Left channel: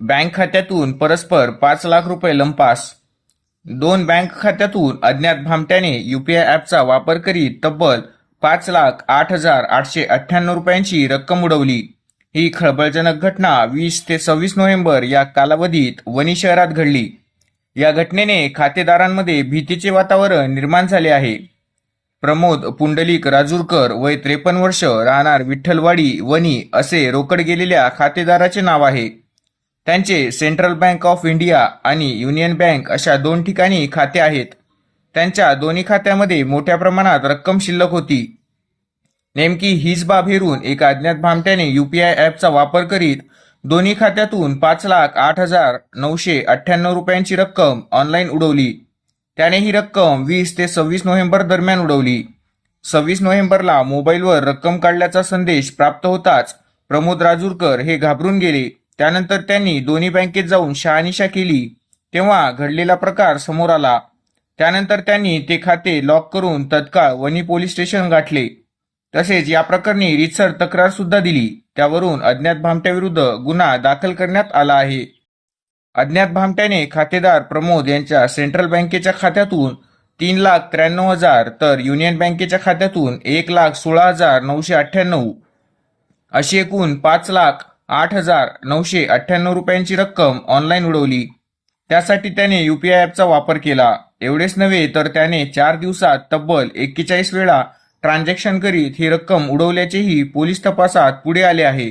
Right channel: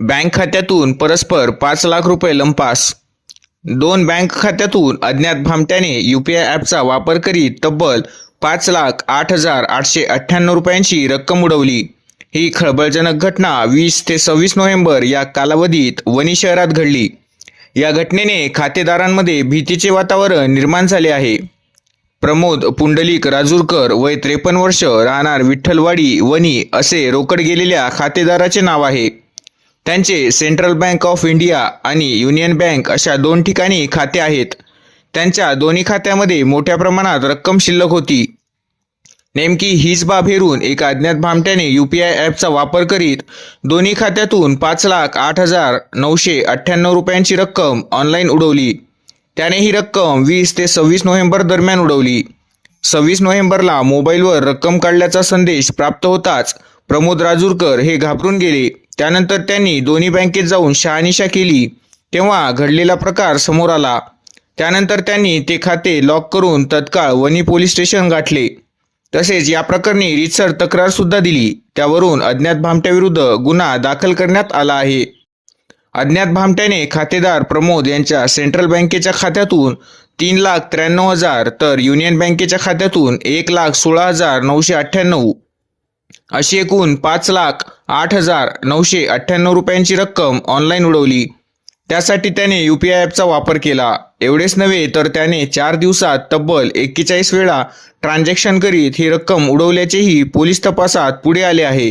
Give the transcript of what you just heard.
Bank खात्यातून परस्पर पाच लाख रुपये लंपास. दोन बँक खात्यातून अज्ञात भामट्याने युपीआय ॲपचा वापर करीत तब्बल पाच लाख आठ हजार आठशे अठ्ठ्याण्णव रुपयांची रक्कम उडवली. ही खळबळजनक घटना वीस ते सव्वीस नोव्हेंबर या कालावधीत वणी शहरात घडली. या घटनेने खातेदारांमध्ये भीतीचे वातावरण निर्माण झाले आहे. प्रमोद पुंडलिक राजूरकर वय त्रेपन्न वर्ष राहणार विठ्ठलवाडी वणी असे रोकड गेलेल्या खातेदाराचे नाव आहे. त्यांचे सेंट्रल बँक ऑफ इंडिया आणि युनियन बँक अशा दोन ठिकाणी खाते आहेत. त्यांच्या दोन्ही खात्यामध्ये मोठ्या प्रमाणात रक्कम शिल्लक होती. नेमकी हीच बाब हेरून एका अज्ञात भामट्याने यू पी आय ॲपचा वापर करीत दोन्ही खात्यातून पाच लाख आठ हजार नऊशे अठ्ठ्याण्णव रुपयांची रक्कम ऑनलाईन उडवली. त्याने ही रक्कम वीस ते सव्वीस नोव्हेंबर दरम्यान उडवली. सव्वीस नोव्हेंबरला मोबाईलवर रक्कम काढल्याचा संदेश प्राप्त होताच प्रमोद राजूरकर हे घाबरून गेले. त्यानंतर त्यांनी दोन्ही बँकेत जाऊन शहानिशा केली. तेव्हा घडलेला प्रकार समोर आला. त्यानंतर त्यांनी ते खाते लॉक करून तत्काळ वणी पोलीस स्टेशन गाठले. तसेच या प्रकरणी रितसर तक्रार सुद्धा दिली. त्यावरून अज्ञात भामट्याविरुद्ध गुन्हा दाखल करण्यात आला आहे. अज्ञात भामट्याने खातेदार प्रमोद यांच्या सेंट्रल बँकेच्या खात्यातून तीन लाख त्र्याण्णव हजार तर युनियन बँकेच्या खात्यातून एक लाख सोळा हजार नऊशे अठ्ठ्याण्णव. अशी एकूण पाच लाख आठ हजार नऊशे अठ्ठ्याण्णव रुपयांची रक्कम ऑनलाईन उडवली. त्यासाठी त्याने यू पी आय ॲपचा वापर केला. एवढेच नव्हे तर त्याने चार दिवसात तब्बल एक्केचाळीस वेळा ट्रान्झॅक्शन करीत ही रक्कम उडवल्याचेही पोलीस तपासात पुढे आले आहे.